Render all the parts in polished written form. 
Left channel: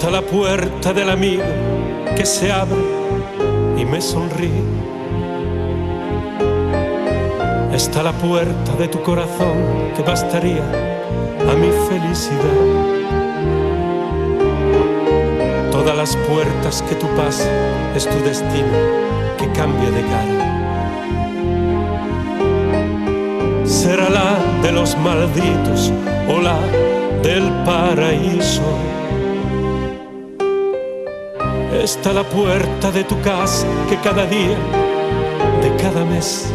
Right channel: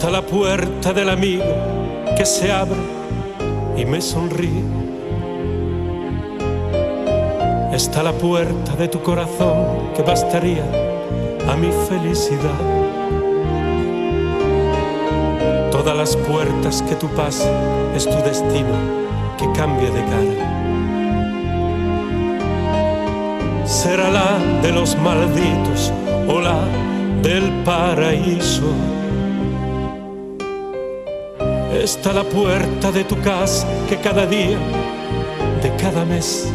Está la puerta del amigo que se abre y me sonríe. Está la puerta de tu corazón que bastaría a mi felicidad. Todas las puertas que tú pasas es tu destino que cambia de cara. Será la de los malditos o la del paraíso. Está la puerta de tu casa que cada día de cada mes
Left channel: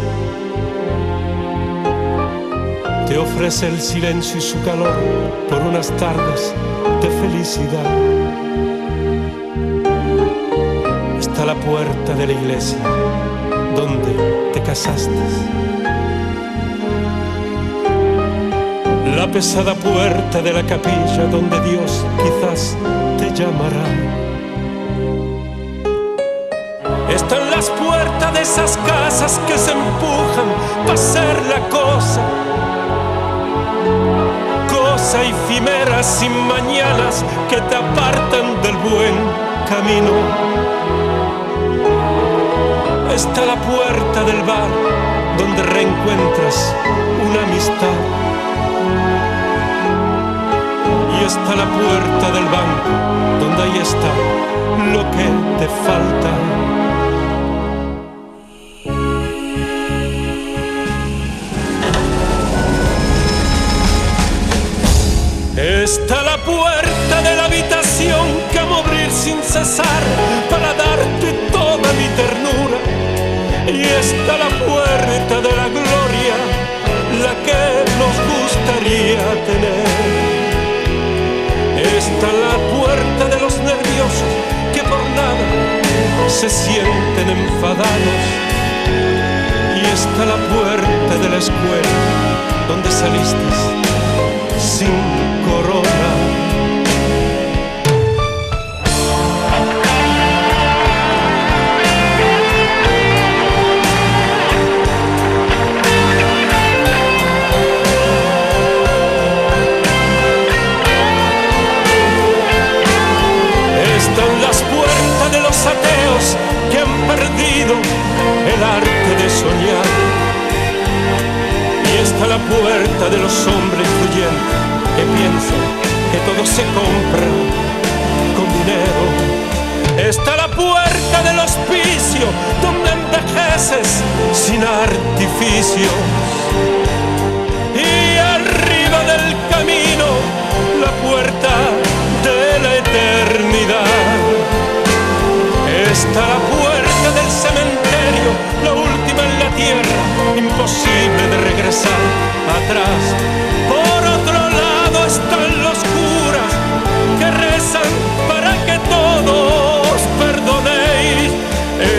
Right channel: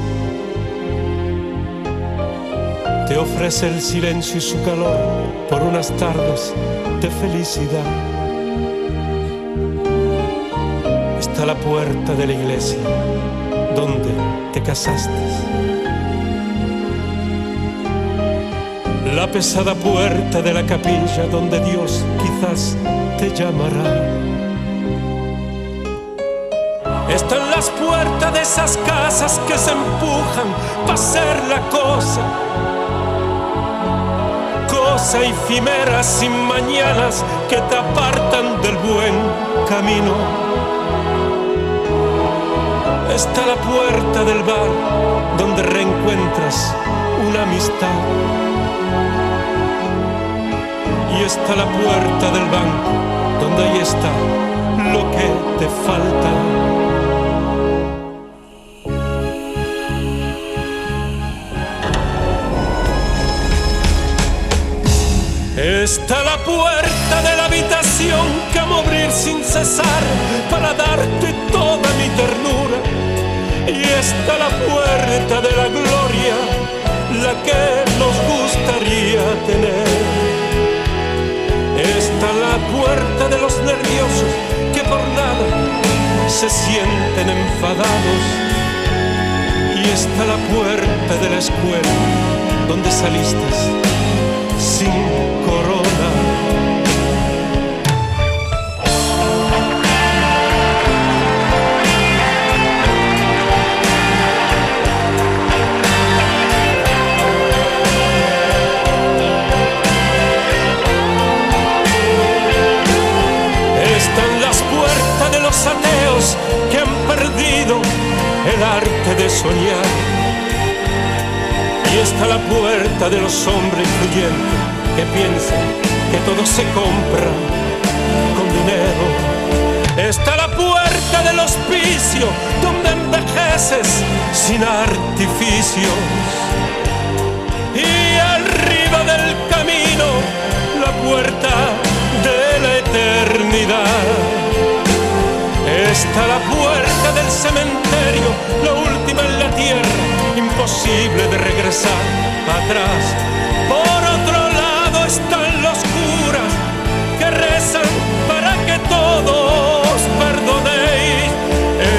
te ofrece el silencio y su calor por unas tardes de felicidad. Está la puerta de la iglesia donde te casaste. La pesada puerta de la capilla donde Dios quizás te llamará. Están las puertas de esas casas que se empujan para hacer la cosa efímera sin mañanas que te apartan del buen camino. Está la puerta del bar donde reencuentras una amistad. Y está la puerta del banco donde ahí está lo que te falta. Está la puerta de la habitación que amo abrir sin cesar para darte toda mi ternura. Y está la puerta de la gloria, la que nos gustaría tener. Está la puerta de los nerviosos que por nada se sienten enfadados. Y está la puerta de la escuela donde saliste sin corona. Están las puertas de los ateos que han perdido el arte de soñar. Y está la puerta de los hombres influyentes que piensan que todo se compra con dinero. Está la puerta del hospicio donde envejeces sin artificios. Y arriba del camino la puerta de la eternidad. Está la puerta del cementerio, la última en la tierra, imposible de regresar atrás. Por otro lado están los curas que rezan para que todos perdonéis.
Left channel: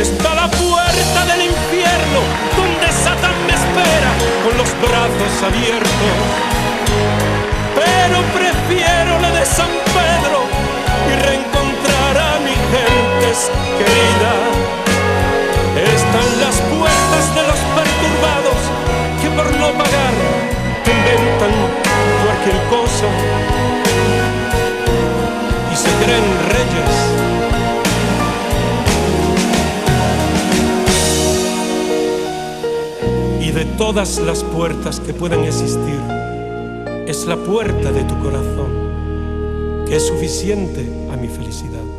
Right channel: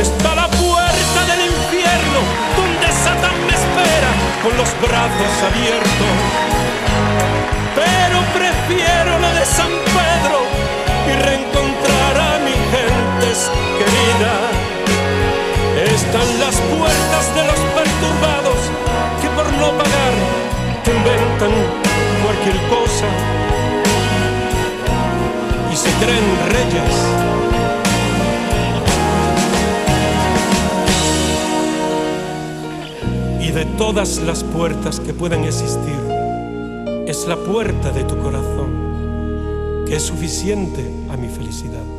Está la puerta del infierno donde Satán me espera con los brazos abiertos. Pero prefiero la de San Pedro y reencontrar a mi gente querida. Están las puertas de los perturbados que por no pagar te inventan cualquier cosa y se creen reyes. Y de todas las puertas que puedan existir, es la puerta de tu corazón que es suficiente a mi felicidad.